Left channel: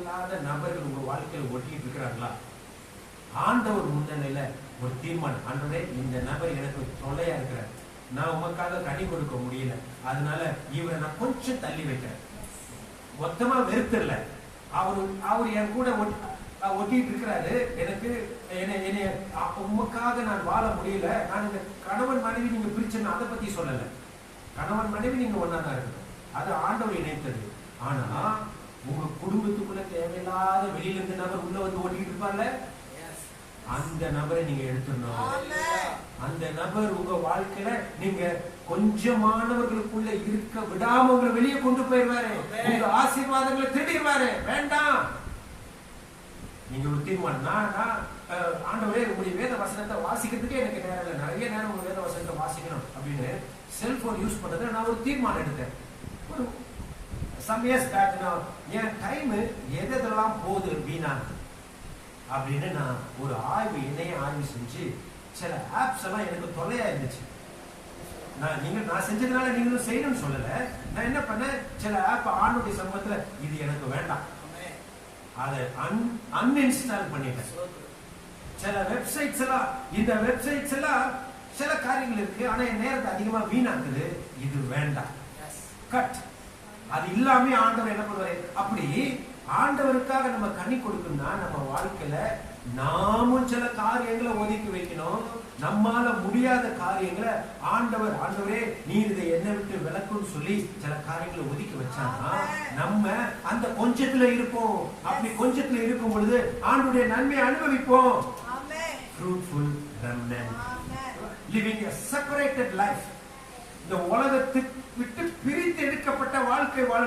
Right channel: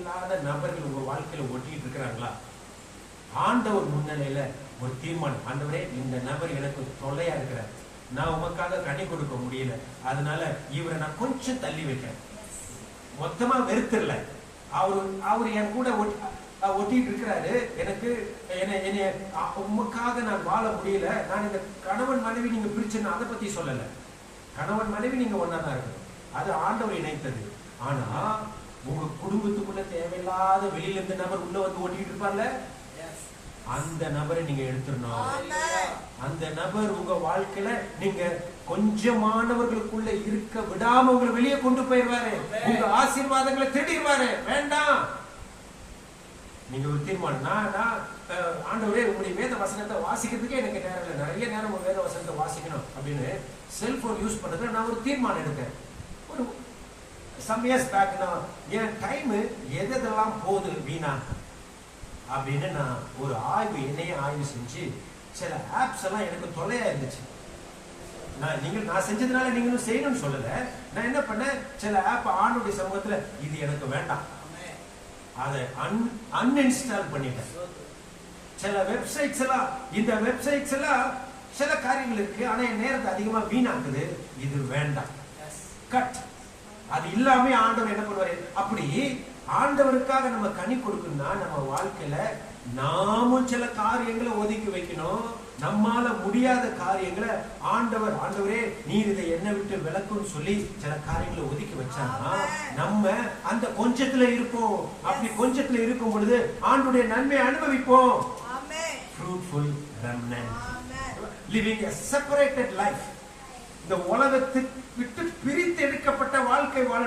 தேவையில்லாத நபர்கள் உங்க வாழ்க்கையில ஒட்டிட்டு இருக்கிறாங்களா? ஆண்டவர் முன்னிலையில ஒரு தீர்மானம், ஆண்டவரே இந்த நபர் எனக்கு தொல்லையா இருக்கிறார், நான் உமக்காக கனி கொடுக்க முடியல, அதனால இவரை நான் கொஞ்சம் தள்ளி வைக்கிறேன். மொத்தமா வெறுத்துடல, அவரு என் கூட ஒட்டிட்டு இருக்கிறாரு, எனக்கு உமக்காக நான் வாழ முடியல. நான் இங்க கணவன் மனைவி நீங்க பிரிச்சுன்னு அதை பத்தி சொல்லல. கணவன் மனைவி நீங்க ஒன்னாதான் இருக்கணும், அது ஆண்டவர் இணைத்தது. ஆனா உங்க குடும்பத்துக்குள்ள தேவையில்லாத வெளியில இருந்து நபர் உள்ள வந்து ஓட்டிட்டு இருப்பார்ல, அந்த நபரை நீங்க எடுத்துடணும். அந்த நபர் உங்க வாழ்க்கையில நீங்க கொஞ்சமானவர்களுக்குள்ள இருக்க விடாம உங்களை வெளியே கொண்டு போயிருவாரு, உங்க ஆசீர்வாதங்களை திருடிடுவாரு. வேண்டாம். நீங்க ஒரு தீர்மானம், நான் ஆண்டவரே உங்களுடைய வேத வசனத்தை வாசிக்கிறதுக்கே எனக்கு நேரம் இல்லை, நிறைய நேரம் ஒரு வேத வசனத்தை வாசிக்கணும் அப்படின்னு செல்போன் யூஸ் பண்றது நான் ஒரு தீர்மானம் எடுத்தேன். ஒரு some years back நான் என் டைம் எதெல்லாம் போகுது வீணா அப்படின்னு நான் ஒரு என்னையே ஆய்வு செஞ்சு சில ஆப்ஸ் எல்லாம் எனக்கு தொல்லையா இருந்துச்சு. நான் செஞ்சதுனால நீங்களும் செய்யணும்னு சொல்லல. நான் என்ன பண்ணேன், சில ஆப் ஆண்டுடைய சமூகத்துல இது எனக்கு வேண்டாம், அதை அன்இன்ஸ்டால் பண்ணிட்டேன். சில வெப்சைட்ஸ் எல்லாம், இந்த வெப்சைட்ஸ் எல்லாம் சில காரியங்கள் இருக்கு, ஆனா என் நேரத்தை அதிகமா வீணாக்குது, இது வேண்டாம், கட். அது இல்லாம ஆண்டவர் என்ன பண்ணுவாரு? அப்படி ஆண்டவருக்காக நம்ம கனி கொடுக்கணும்னா நம்ம வாழ்க்கையில நாமும் சில காரியங்களை ஒதுக்கி வைக்கணும். நம்மால முடியாத காரியங்களை ஆண்டவரே நீர் இதை என்ன விட்டு விளக்குன்னு சொல்லி சில காரியங்களை ஒதுக்கி வச்சாங்கன்னா நம்ம அந்த கொஞ்சத்துல இருப்போம். அப்படி கொஞ்சத்துல இருக்கும் பொழுது ஆண்டுடைய நன்மையை அனுபவிப்போம். Fruitful remnant, living a separated life. இந்த உலகத்தை விட்டு பிரித்து எடுக்கப்பட்ட வாழ்க்கை வாழ